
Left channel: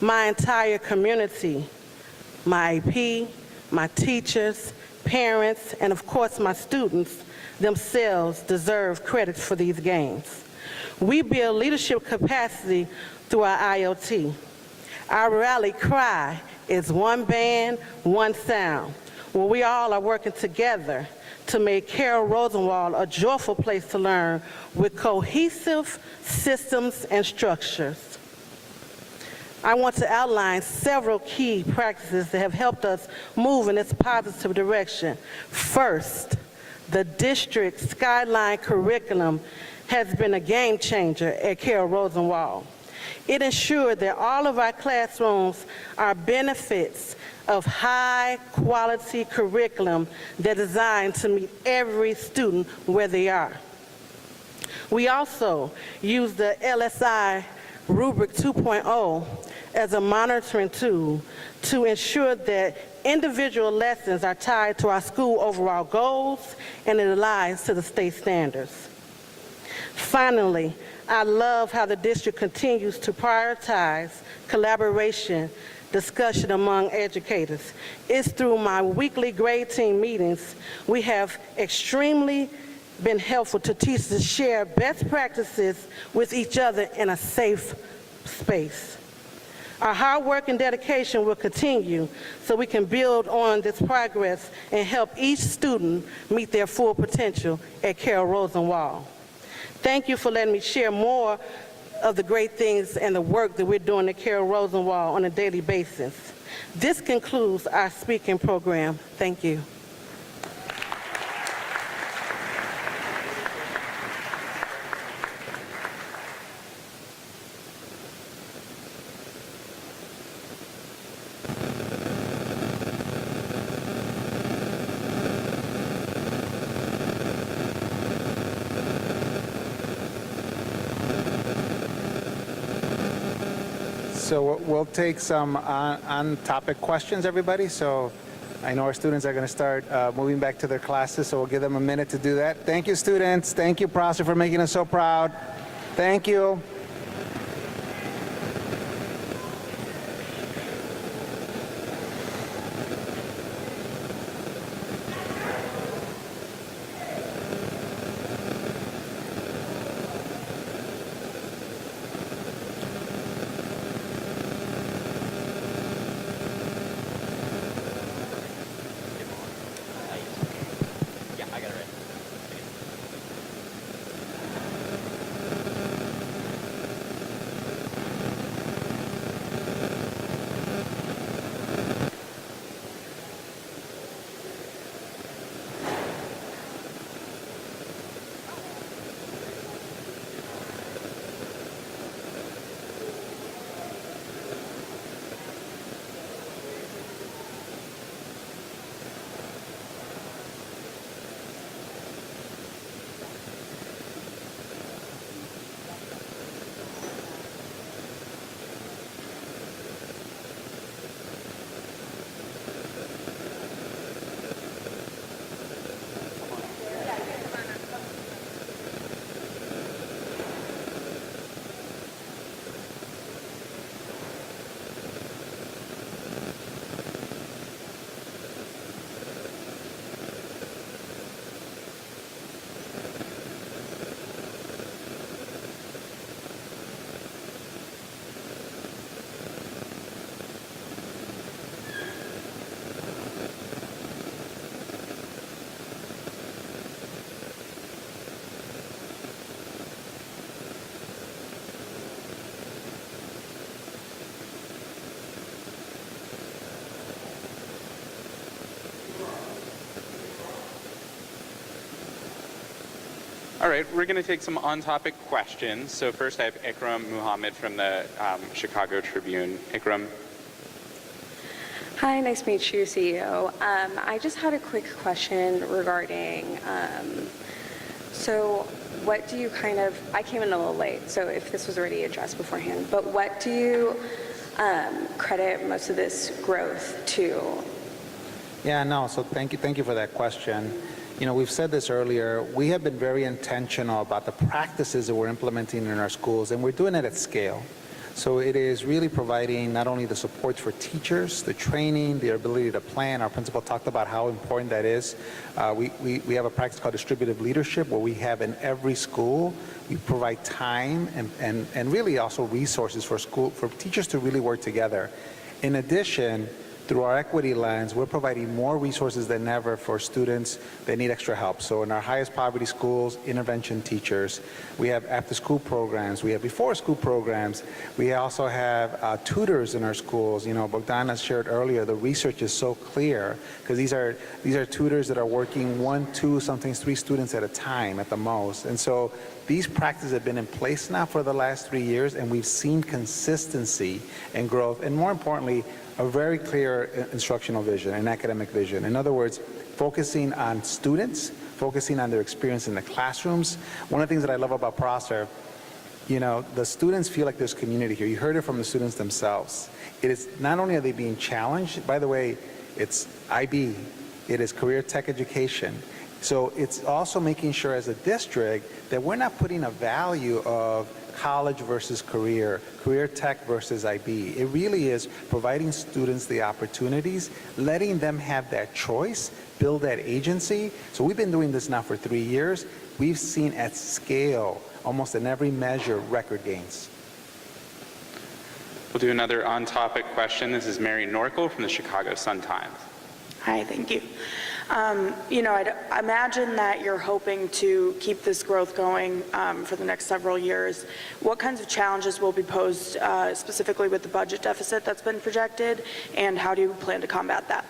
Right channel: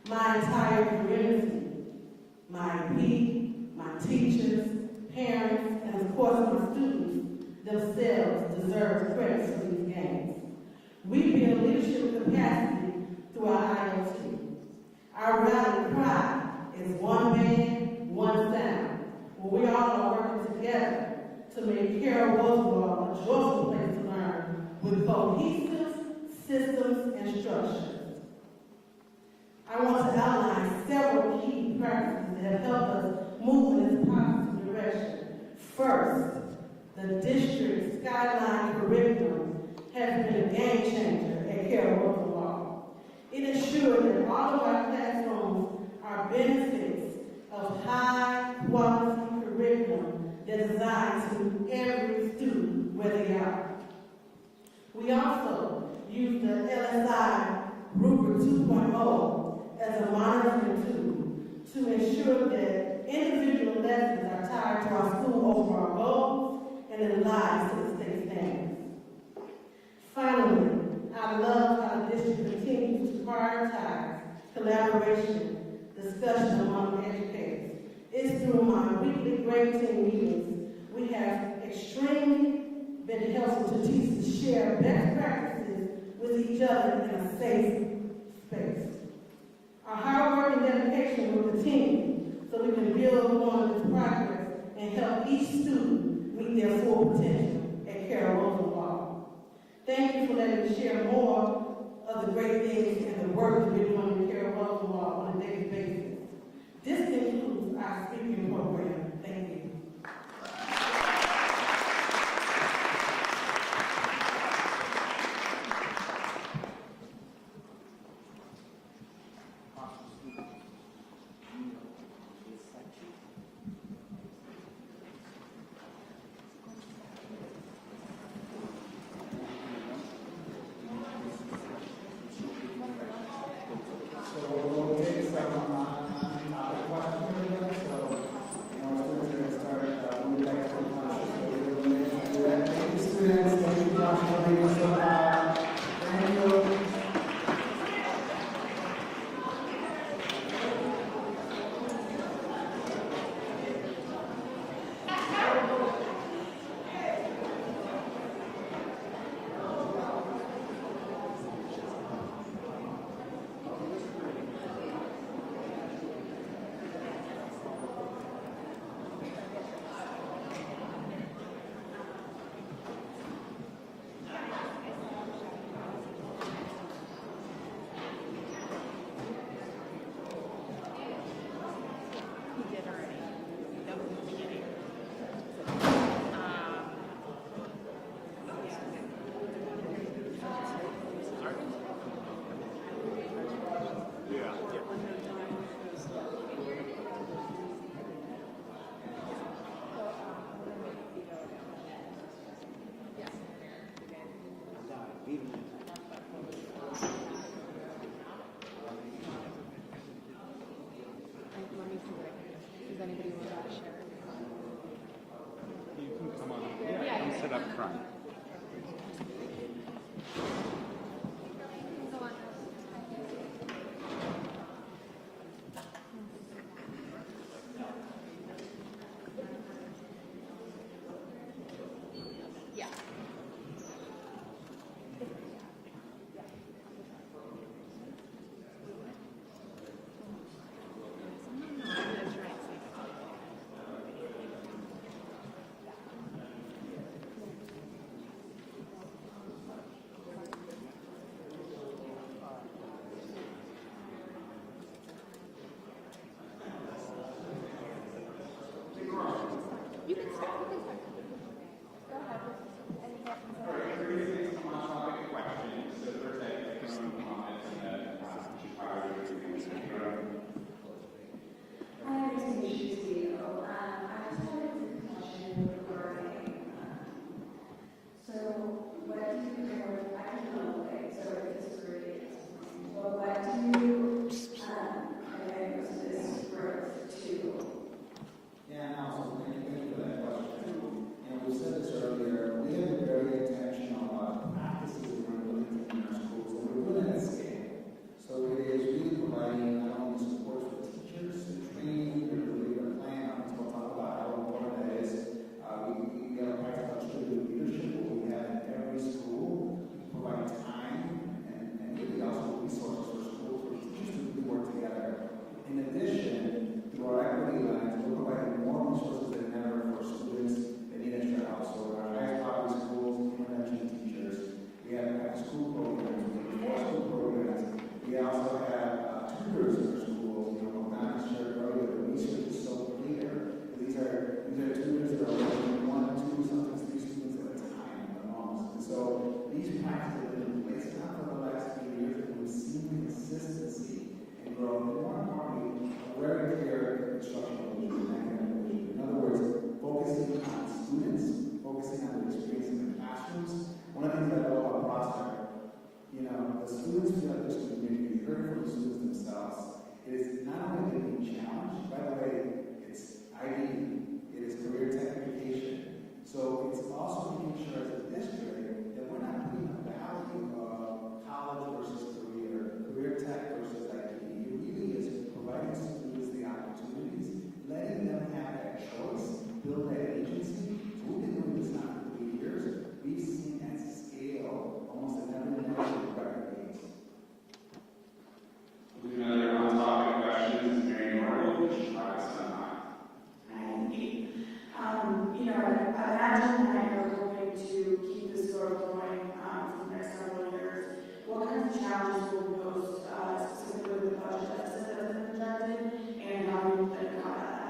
My entire community, my AP, my teachers, parents, and of course my students themselves deserve credit for these gains. We build leadership capacity through our IoT. Our rally cry is one band, one sound, where we all are working together to make Carol Rosenwald a joyful place to learn with cohesive systems and structures. I want to outline several key practices that have helped us move in this positive direction. First, the district Skyline curriculum has been a game changer at Carol Rosenwald. It ensured that all of our classrooms are benefits of high-quality curriculum that is designed to meet every student where they are. We also use the LSI Rubric 2.0 as a monitoring tool to ensure that individual lessons are tied to our school overall goals and it aligns to the state standards. Finally, I love how the district continues to prioritize collaboration, discussion among educators. It's through my weekly grade team meetings, we have extremely been helpful to teachers to share best practices with each other in a safe space. Our hard work and dedication will continue so we can build on this progress and help each student meet their full potential at Carol Rosenwald. Thank you for letting me share more of the great things and the work that we're doing at Carol Rosenwald on a daily basis. This concludes our speaking program. Thank you. So we'll take some on-topic questions, everybody. So I know our students are going to start moving back to their classes, so we'll give them a minute to do that. Thank you, students. Thank you, Prosser, for making us so proud. Thank you. All right, we're going to take some on-topic questions. So first I have Ikram Muhammad from the Chicago Tribune. Ikram. Hi, nice to meet you, CEO. I just had a quick question regarding, so what do you I came in a little late, so if this was already addressed beforehand, but what do you credit most of this growth to? Yeah, no, so thank you for that question. You know, we've said this earlier, we have been very intentional about the practices that we're implementing in our schools, and we're doing it at scale. So it is really providing not only the support for teachers, the training, the ability to plan. Our principal talked about how important that is. We have a practice called distributive leadership where we have in every school, we provide time and really also resources for teachers to really work together. In addition, through our equity lens, we're providing more resources than ever for students that need extra help. So in our highest poverty schools, intervention teachers, we have after-school programs, we have before-school programs, we also have tutors in our schools. You know, Bogdana shared earlier, the research is so clear because these are tutors that are working 1, 2, sometimes 3 students at a time at the most. And so these practices have been in place now for the last 3 years, and we've seen consistency and growth, and more importantly, a very clear instructional vision and academic vision. In other words, focusing on students, focusing on their experience in the classrooms. One of the things that I love about Prosser, you know, the students feel like there's community here. You heard it from the students themselves. It is not only are they being challenged, by the way, it's IB, it is career tech education. So it's also making sure as a district that we're not putting a value of college versus career tech versus IB. It really is providing students the opportunities, letting them have that choice, build that agency. So we've been doing this now for 3 years. We've seen at scale, almost in every measure, record gains. We'll do another on-topic question. This is Mary Norkel from the Chicago Sun-Times. Hi, thank you. You know, I imagine that you're hoping to keep this growth going for the next several years. What kinds of challenges will be posed specifically with the budget deficit that's been projected, and how do you plan to combat that?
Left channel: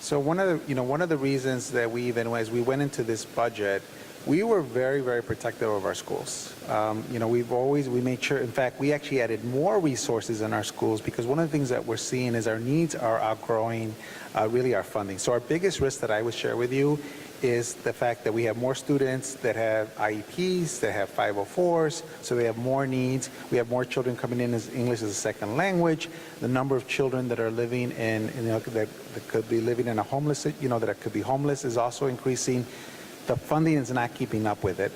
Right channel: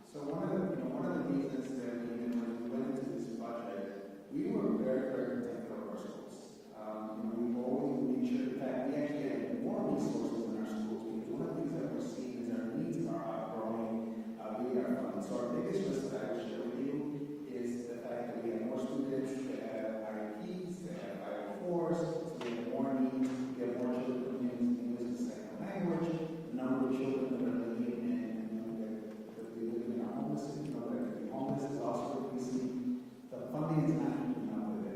So one of the reasons that as we went into this budget, we were very, very protective of our schools. You know, we made sure, in fact, we actually added more resources in our schools because one of the things that we're seeing is our needs are outgrowing really our funding. So our biggest risk that I would share with you is the fact that we have more students that have IEPs, that have 504s, so they have more needs. We have more children coming in as English as a second language. The number of children that are living in, that could be living in a homeless, that could be homeless is also increasing. The funding is not keeping up with it.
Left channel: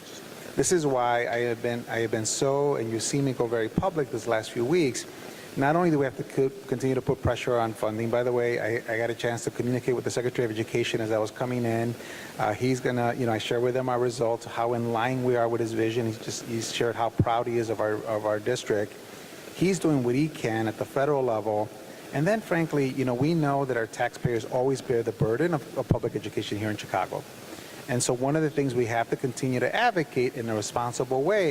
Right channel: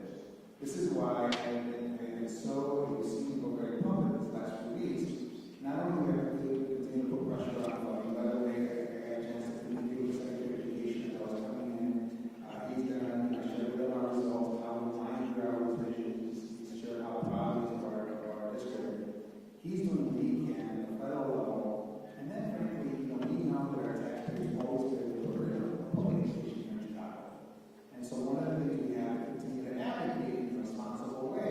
This is why I have been so, and you've seen me go very public this last few weeks. Not only do we have to continue to put pressure on funding, by the way, I got a chance to communicate with the Secretary of Education as I was coming in. He's gonna, I share with him our results, how in line we are with his vision. He's shared how proud he is of our district. He's doing what he can at the federal level. And then frankly, we know that our taxpayers always bear the burden of public education here in Chicago. And so one of the things we have to continue to advocate in a responsible way